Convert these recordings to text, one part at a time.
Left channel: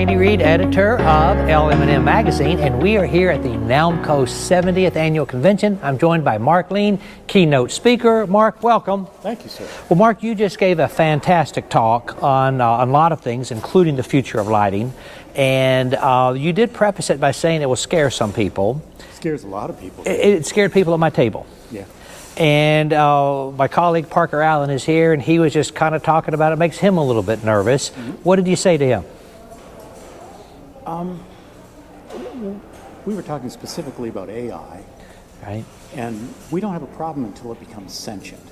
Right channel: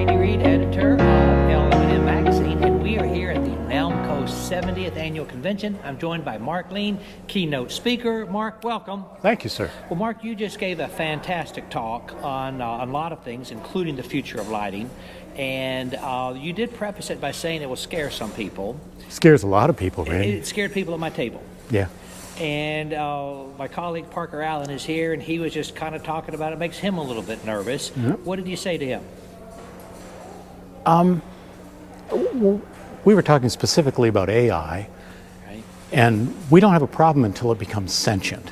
Randy Reid, editor of LM&M Magazine, and we are here at the NALMCO 70th Annual Convention. I'm joined by Mark Lien, keynote speaker. Mark, welcome. Thank you, sir. Well, Mark, you just gave a fantastic talk on a lot of things, including the future of lighting, and you did preface it by saying it will scare some people. Scares a lot of people, Reid. It scared people at my table. Yeah. And my colleague Parker Allen is here, and he was just kind of talking about it. Makes him a little bit nervous. Mm-hmm. What did you say to him? We were talking specifically about AI, right? And we don't have a problem until it becomes sentient,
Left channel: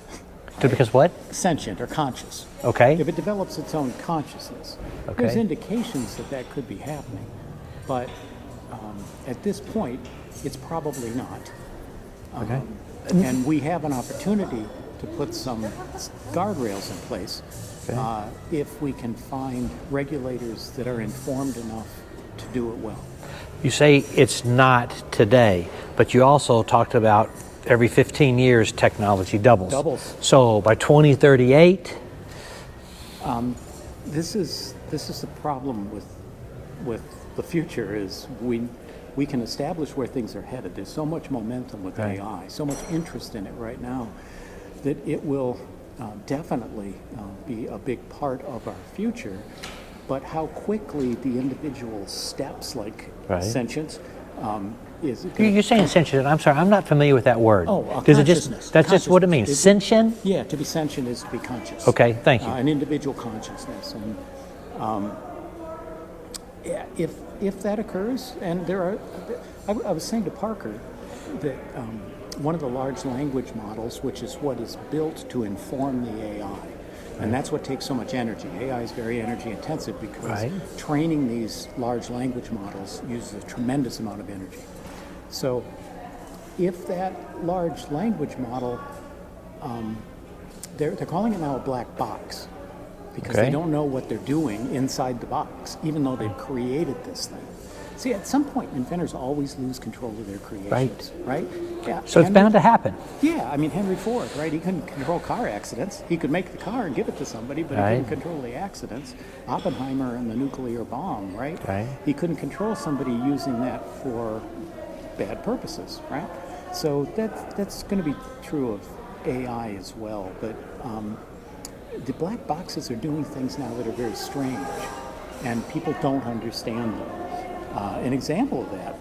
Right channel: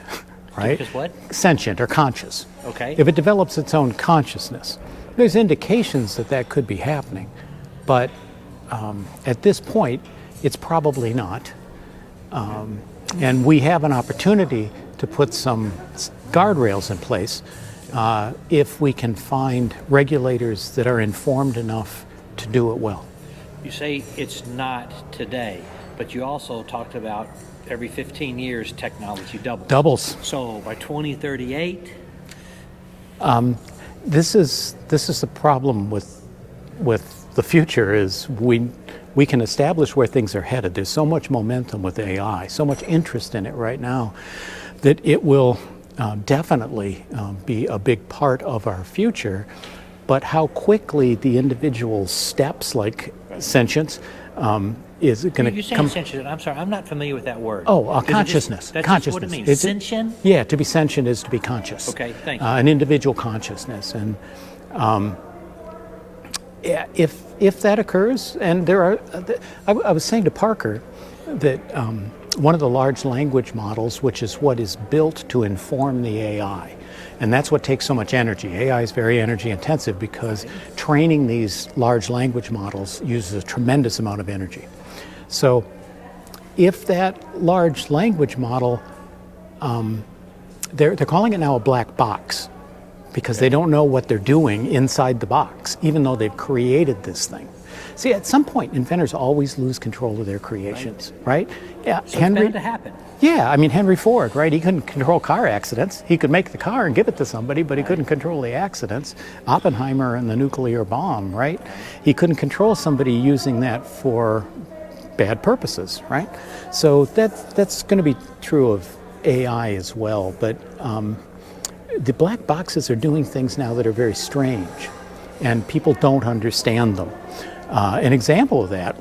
right? Because what? Sentient or conscious. Okay. If it develops its own consciousness, okay. There's indications that that could be happening, but at this point, it's probably not. Okay. And we have an opportunity to put some guardrails in place if we can find regulators that are informed enough to do it well. You say it's not today, but you also talked about every 15 years technology doubles. Doubles. So by 2038? This is the problem with the future is we can establish where things are headed. There's so much momentum with AI, so much interest in it right now, that it will definitely be a big part of our future. But how quickly the individual steps, like sentience, is it going to... You're saying sentient. I'm sorry, I'm not familiar with that word. Oh, consciousness. That's just what it means. Sentient? Yeah, to be sentient is to be conscious. Okay, thank you. An individual consciousness. And if that occurs, and there are... I was saying to Parker that one of the large language models, which is what is built to inform the AI, and that's what takes so much energy. AI is very energy intensive because training these large language models uses a tremendous amount of energy. So if that large language model, they're calling it now a black box because they don't know what they're doing inside the box, even though they've created this thing. See, at some point, inventors always lose control of their creations, right? Yeah. So it's bound to happen. Yeah, I mean, Henry Ford, right? He couldn't control car accidents. He could make the car and give it to somebody, but he couldn't control the accidents. Oppenheimer and the nuclear bomb, right? He couldn't control somebody using that for bad purposes, right? So that's going to be true of AI as well. But the black boxes are doing things now that are very strange, and people don't understand them. An example of that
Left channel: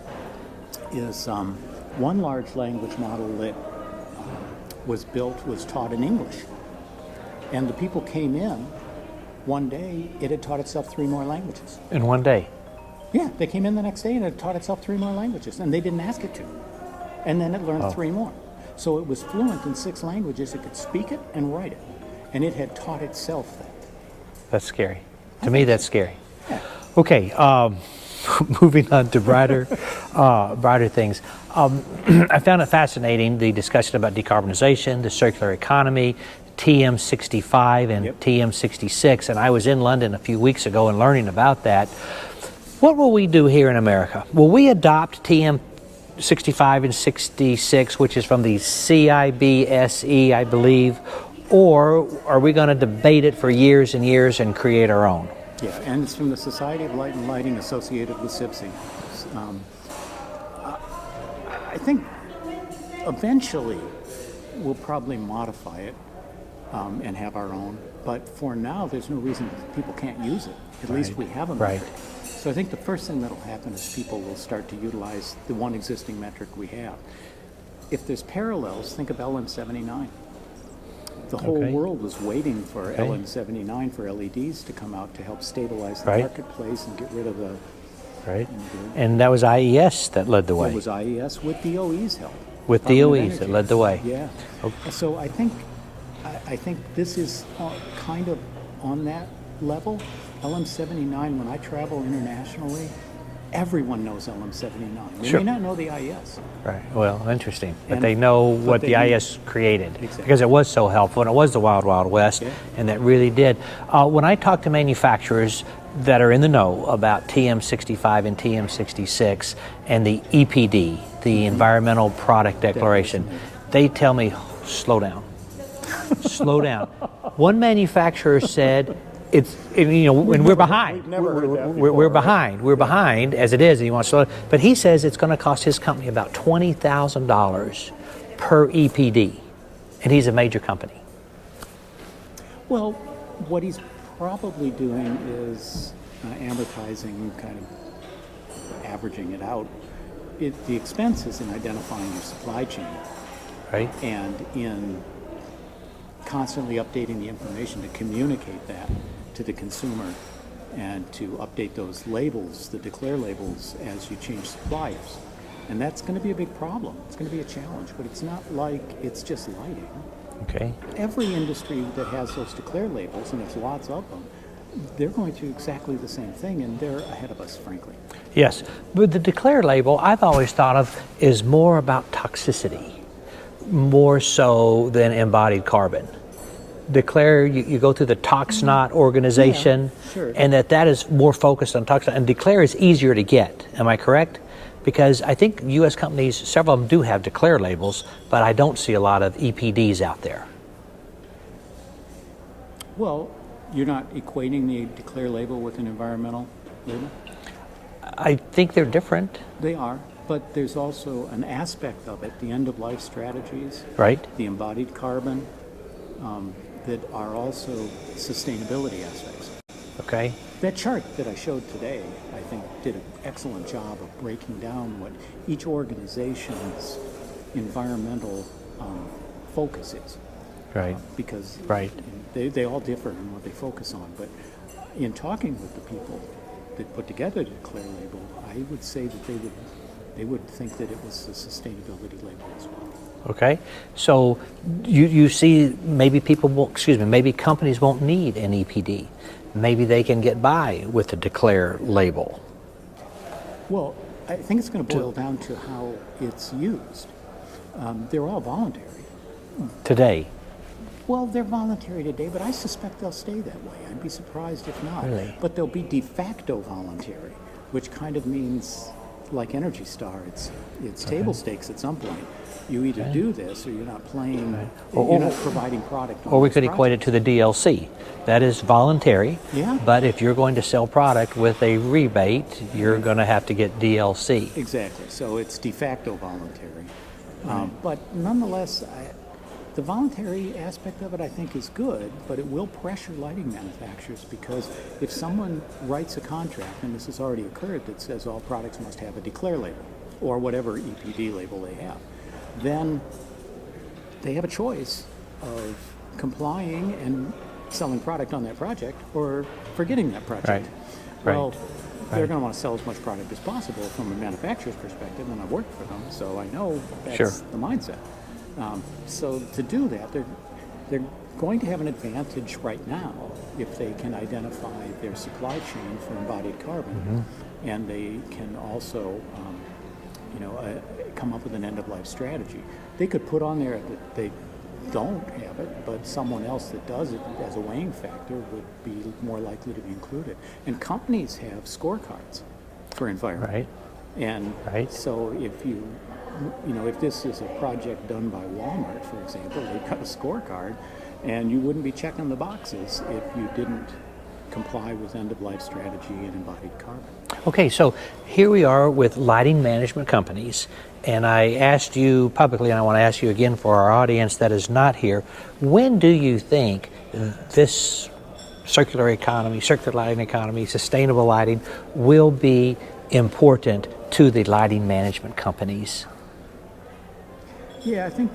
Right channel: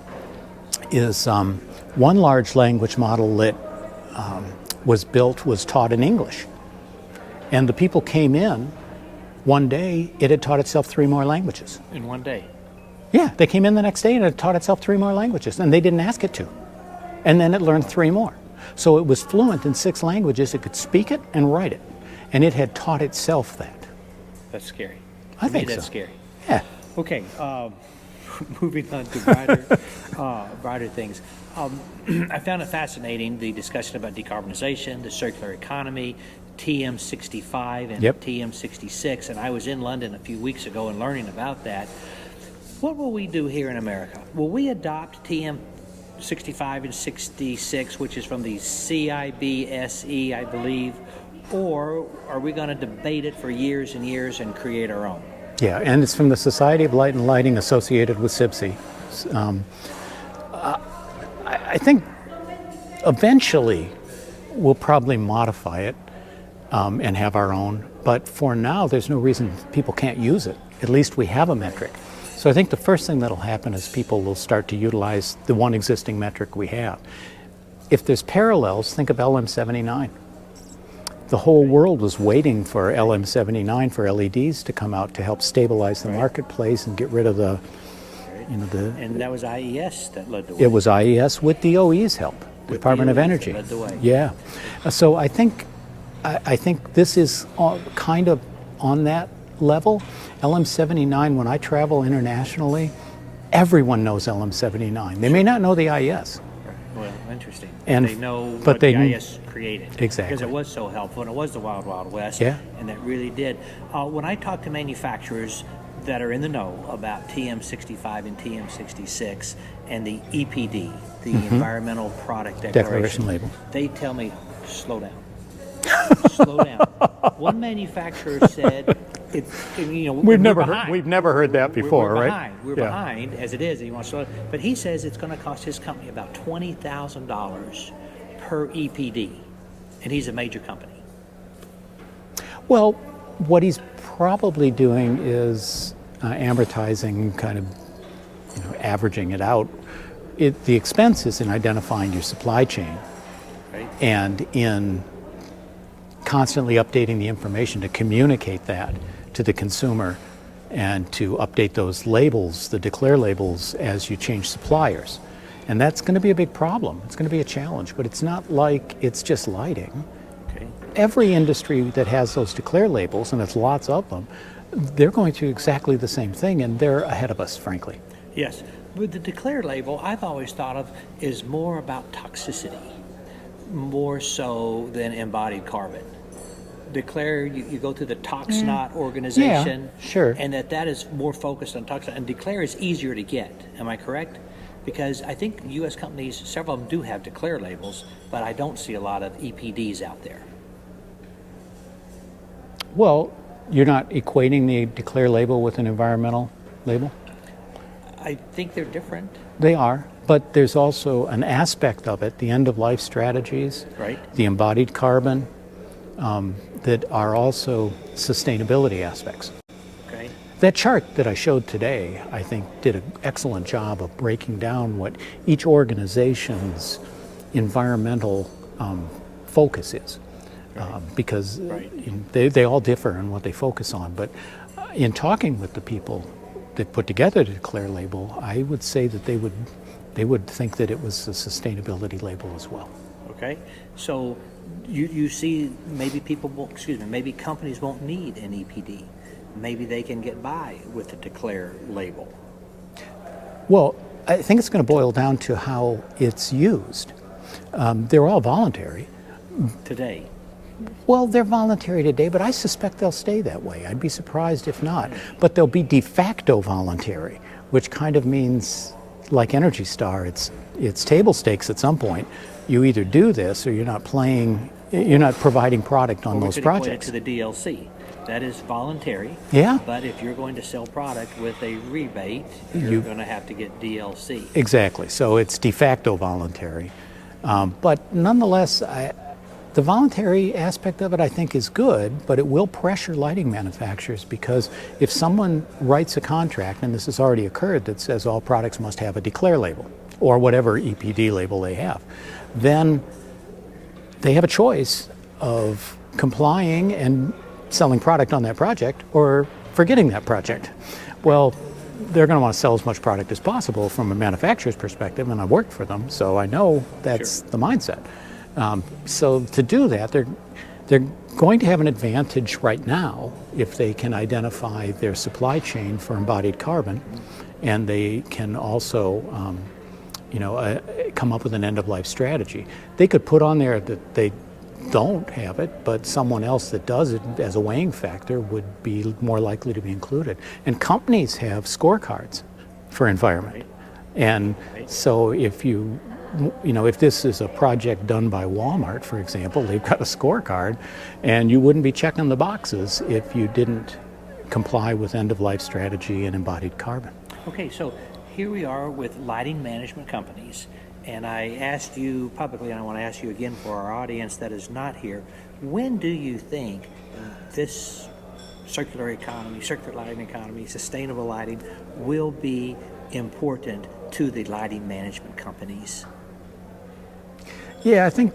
is one large language model that was taught in English. And the people came in, one day it had taught itself 3 more languages. In one day? Yeah, they came in the next day and it taught itself 3 more languages, and they didn't ask it to. And then it learned 3 more. So it was fluent in 6 languages, it could speak it and write it. And it had taught itself that. That's scary. To me, that's scary. Yeah. Okay. Moving on to brighter things. I found it fascinating, the discussion about decarbonization, the circular economy, TM65 and TM66, and I was in London a few weeks ago and learning about that. What will we do here in America? Will we adopt TM65 and 66, which is from the CIBSE, I believe, or are we going to debate it for years and years and create our own? Yeah, and it's from the Society of Light and Lighting associated with SIBSE. I think eventually we'll probably modify it and have our own, but for now there's no reason people can't use it. At least we have a metric. So I think the first thing that'll happen is people will start to utilize the one existing metric we have. If there's parallels, think of LM79. The whole world was waiting for LM79 for LEDs to come out to help stabilize the marketplace and get rid of the, and that was IES that led the way. It was IES with DOE's help, with Department of DOE's Energy. that led the way. Yeah. Okay. So I think this is kind of on that level. LM79, when I travel internationally, everyone knows LM79. They may not know the IES. Right. Well, interesting. And they know what the IS created. Exactly. Because it was so helpful, and it was the Wild Wild West, and that really did. When I talk to manufacturers that are in the know about TM65 and TM66 and the EPD, the Environmental Product Declaration, they tell me, slow down. Slow down. One manufacturer said, we're behind. We've never heard that before. We're right? behind. We're behind as it is. And he wants to, but he says it's going to cost his company about $20,000 per EPD, and he's a major company. Well, what he's probably doing is amortizing, kind of averaging it out. The expense is in identifying your supply chain, Right. and in constantly updating the information to communicate that to the consumer and to update those labels, the declare labels, as you change suppliers. And that's going to be a big problem. It's going to be a challenge, but it's not like it's just lighting. Okay. Every industry that has those declare labels, and it's lots of them, they're going through exactly the same thing, and they're ahead of us, frankly. Yes, but the declare label I've always thought of is more about toxicity, more so than embodied carbon. Declare, you go through the ToxNot organization, Yeah, sure. and that is more focused on toxin. And declare is easier to get. Am I correct? Because I think U.S. companies, several of them do have declare labels, but I don't see a lot of EPDs out there. Well, you're not equating the declare label with an environmental label? I think they're different. They are, but there's also an aspect of it, the end-of-life strategies, Right. the embodied carbon, that are also sustainability aspects. Okay. That chart that I showed today, I think, did an excellent job of breaking down what each organization's environmental focus is. Right. Because Right. they all differ in what they focus on. But in talking with the people that put together the declare label, I would say that they would think that it was a sustainability label as well. Okay, so you see maybe maybe companies won't need an EPD. Maybe they can get by with the declare label. Well, I think it's going to boil down to how it's used. They're all voluntary. Today. Well, they're voluntary today, but I suspect they'll stay that way. I'd be surprised if not. Yeah. But they'll be de facto voluntary, which kind of means, like Energy Star, it's table stakes at some point. You either do this or you're not playing, you're not providing product on Or we those could projects. equate it to the DLC. That is voluntary. Yeah. But if you're going to sell product with a rebate, you're going to have to get DLC. Exactly. So it's de facto voluntary. But nonetheless, the voluntary aspect of it, I think, is good, but it will pressure lighting manufacturers, because if someone writes a contract, and this has already occurred, that says all products must have a declare label or whatever EPD label they have, then they have a choice of complying and selling product on that project or forgetting that project. Right. Well, they're going to want to sell as much product as possible from a manufacturer's perspective, and I worked for them, so I know that's the mindset. So to do that, they're going to have an advantage right now if they can identify their supply chain for embodied carbon, and they can also come up with an end-of-life strategy. They could put on there that they don't have it, but someone else that does it as a weighing factor would be more likely to be included. And companies have scorecards for environment. Right. And so if if this is a project done by Walmart, for example, they've got a scorecard, and you wouldn't be checking the boxes if you didn't comply with end-of-life strategy and embodied carbon. Okay, so here we are with lighting management companies, and I asked you publicly, and I want to ask you again for our audience that is not here, when do you think this circular economy, circular lighting economy, sustainable lighting will be important to the lighting management companies? Yeah, I think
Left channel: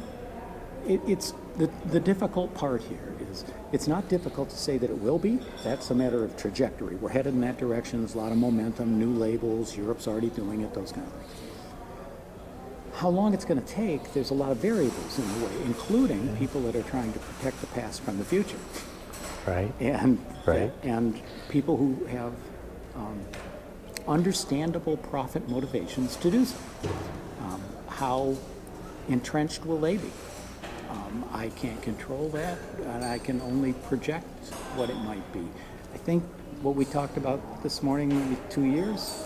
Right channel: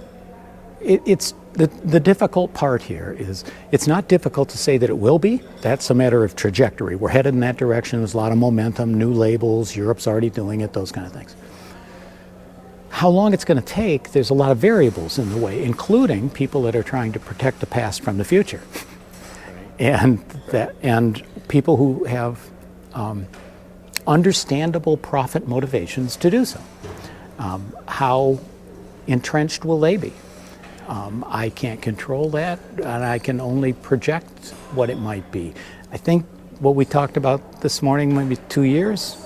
it's the difficult part here is it's not difficult to say that it will be. That's a matter of trajectory. We're headed in that direction. There's a lot of momentum, new labels, Europe's already doing it, those kind of things. How long it's going to take, there's a lot of variables in the way, including people that are trying to protect the past from the future. Right. And people who have understandable profit motivations to do so. How entrenched will they be? I can't control that, and I can only project what it might be. I think what we talked about this morning, maybe 2 years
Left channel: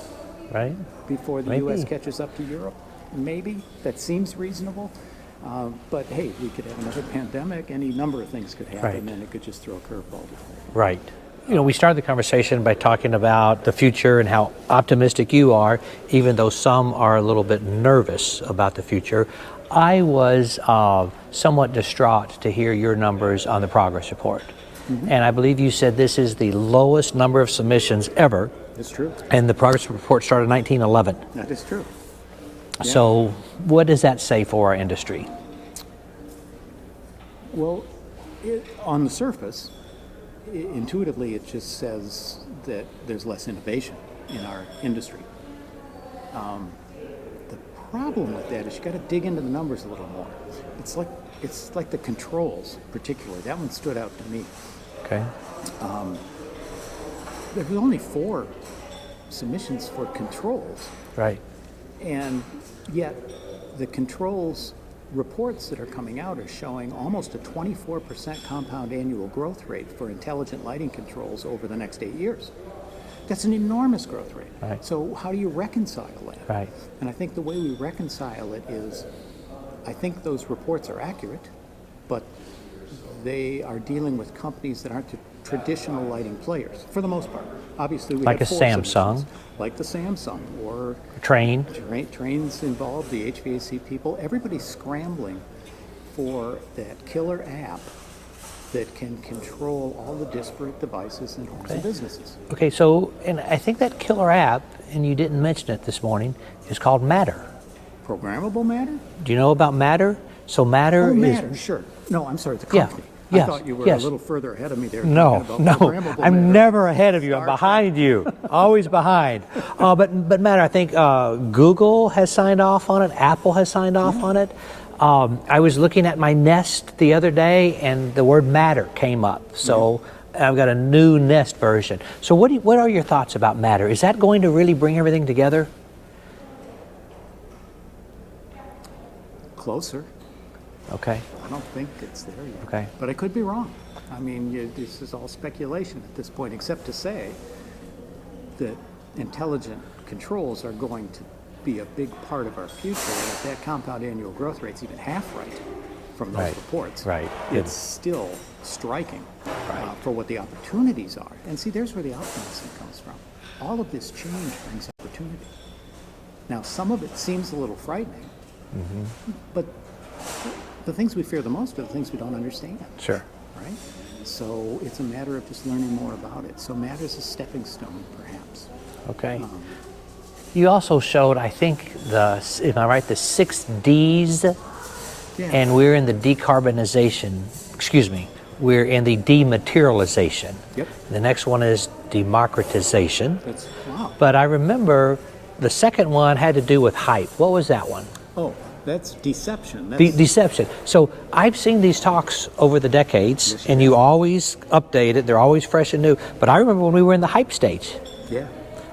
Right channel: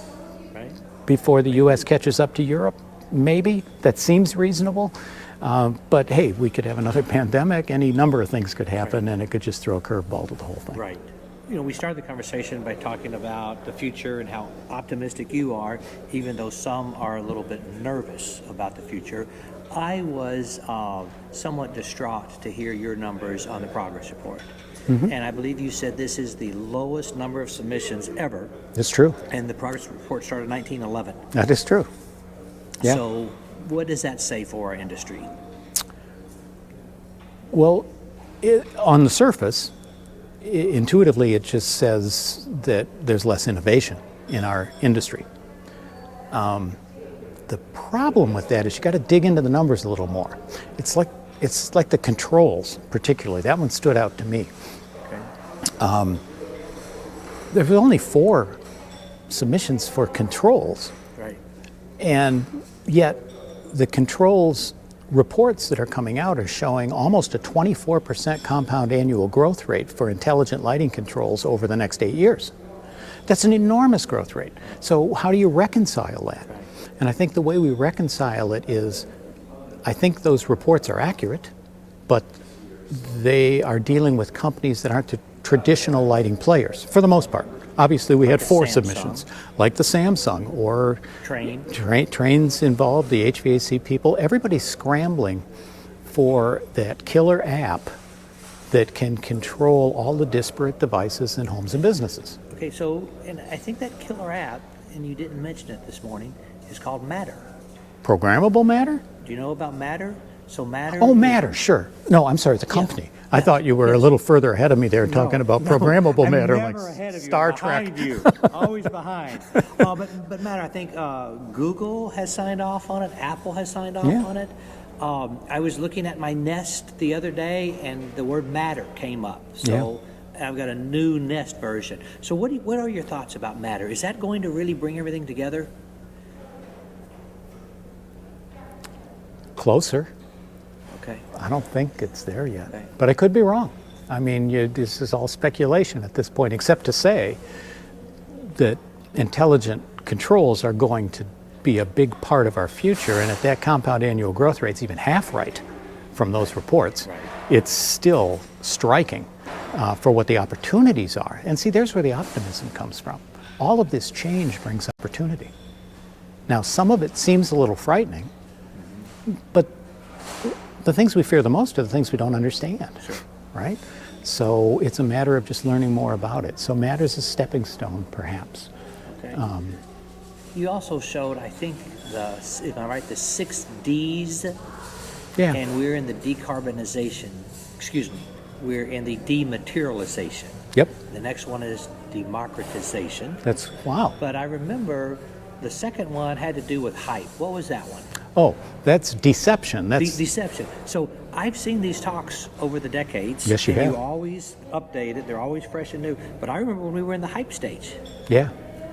before the U.S. catches up to Europe, maybe. That seems reasonable. But hey, we could have another pandemic, any number of things could happen, and it could just throw a curveball to the whole thing. Right. we started the conversation by talking about the future and how optimistic you are, even though some are a little bit nervous about the future. I was somewhat distraught to hear your numbers on the progress report. And I believe you said this is the lowest number of submissions ever. It's true. And the progress report started in 1911. That is true. Yeah. So what does that say for our industry? Well, on the surface, intuitively, it just says that there's less innovation in our industry. The problem with that is you got to dig into the numbers a little more. It's like the controls, particularly. That one stood out to me. Okay. There were only 4 submissions for controls, Right. and yet the controls reports that are coming out are showing almost a 24% compound annual growth rate for intelligent lighting controls over the next 8 years. That's an enormous growth rate. Right. So how do you reconcile that? Right. And I think the way we reconcile it is, I think those reports are accurate, but they are dealing with companies that aren't the traditional lighting players, for the most part. Obviously, we Like had a 4 Samsung. submissions, like the Samsung, or trains involved, the HVAC people. Everybody's scrambling for that killer app that can control all the disparate devices in homes and businesses. Okay, so, and I think that killer app, and you didn't mention it this morning, is called Matter. Programmable Matter? Do you know about Matter? So Matter Oh, is- Matter, sure. No, I'm sorry, the company. I Yes, thought you were a yes. little further ahead of me there talking about programmable Matter. I'm never like ahead of you. Star I'm Trek. behind you. Always behind. But Matter, I think Google has signed off on it. Apple has signed off Yeah. on it. I was looking at my Nest the other day, and the word Matter came up. So I've got a new Nest version. So what are your thoughts about Matter? Is that going to really bring everything together? Closer. Okay. I don't think it's there yet. Okay. But I could be wrong. I mean, this is all speculation at this point, except to say that intelligent controls are going to be a big part of our future, and if that compound annual growth rate's even half right from those reports, Right. it's still striking for what the opportunities are. And see, there's where the optimism comes from. All of this change brings opportunity. Now, some of it seems a little frightening, but the things we fear the most are the things we don't understand. Sure. Right? So it's a matter of just learning more about it. So Matter's a stepping stone, perhaps. Okay. You also showed, I think, if I'm right, the 6 Ds, Yeah. and we're in the decarbonization, we're in the dematerialization. Yep. The next one is democratization. That's, wow. But I remember the second one had to do with hype. What was that one? Oh, that's deception. That's Deception. So I've seen these talks over the decades, Yes, you and you have. always update it. They're always fresh and new. But I remember when we were in the hype stage. yeah,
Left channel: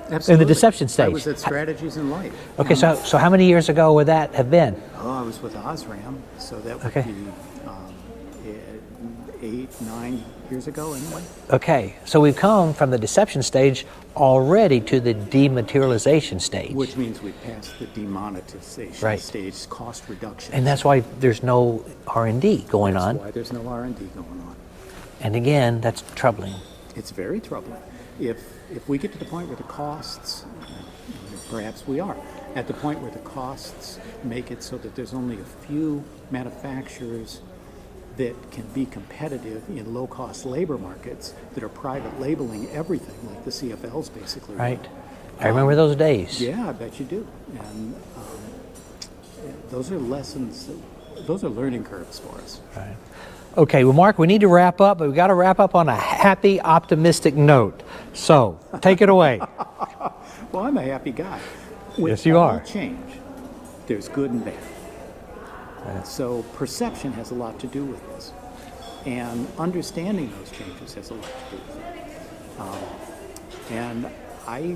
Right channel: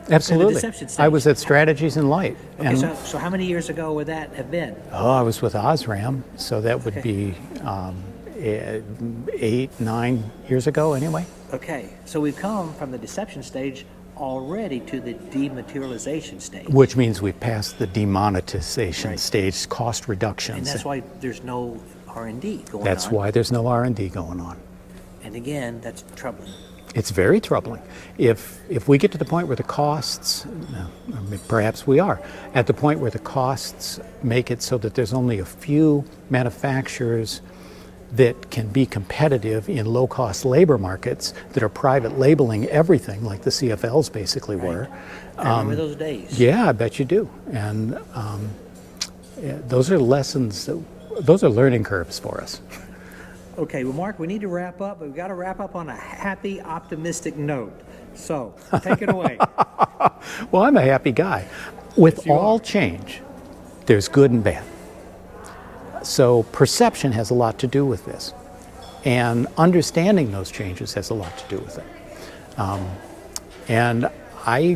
absolutely. deception stage. I was at Strategies in Light. Okay, and, so how many years ago would that have been? I was with Osram, so that would Okay. be 8, 9 years ago anyway. Okay, so we've come from the deception stage already to the dematerialization stage. Which means we passed the demonetization Right. stage, cost reduction. And that's why there's no R&D going That's on. why there's no R&D going on. And again, that's troubling. It's very troubling. If we get to the point where the costs, perhaps we are, at the point where the costs make it so that there's only a few manufacturers that can be competitive in low-cost labor markets that are private labeling everything, like the CFLs basically Right. were. I remember those days. Yeah, I bet you do. And those are lessons, those are learning curves for us. Okay, well, Mark, we need to wrap up, but we've got to wrap up on a happy, optimistic note. So, take it away. Well, I'm a happy guy. With Yes, you all are. change, there's good and bad. So perception has a lot to do with this. And understanding those changes has a lot to do with it. And I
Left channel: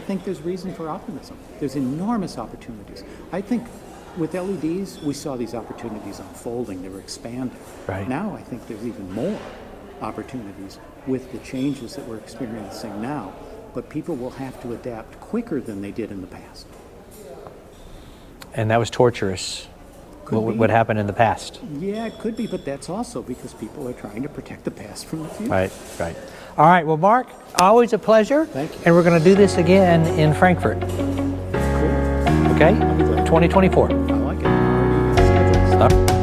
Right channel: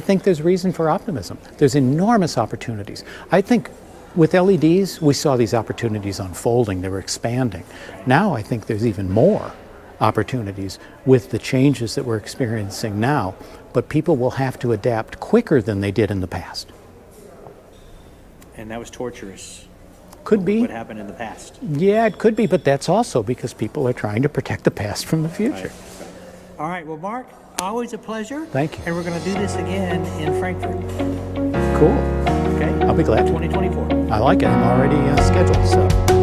think there's reason for optimism. There's enormous opportunities. I think with LEDs, we saw these opportunities unfolding. They were expanding. Right. Now I think there's even more opportunities with the changes that we're experiencing now. But people will have to adapt quicker than they did in the past. And that was torturous. Could be. What happened in the past. Yeah, it could be, but that's also because people are trying to protect the past from the future. Right, right. All right, well, Mark, always a pleasure. Thank you. And we're going to do this again in Frankfurt. Cool. Okay? I'll be glad. 2024. I like it. I'm already scheduled. Stop.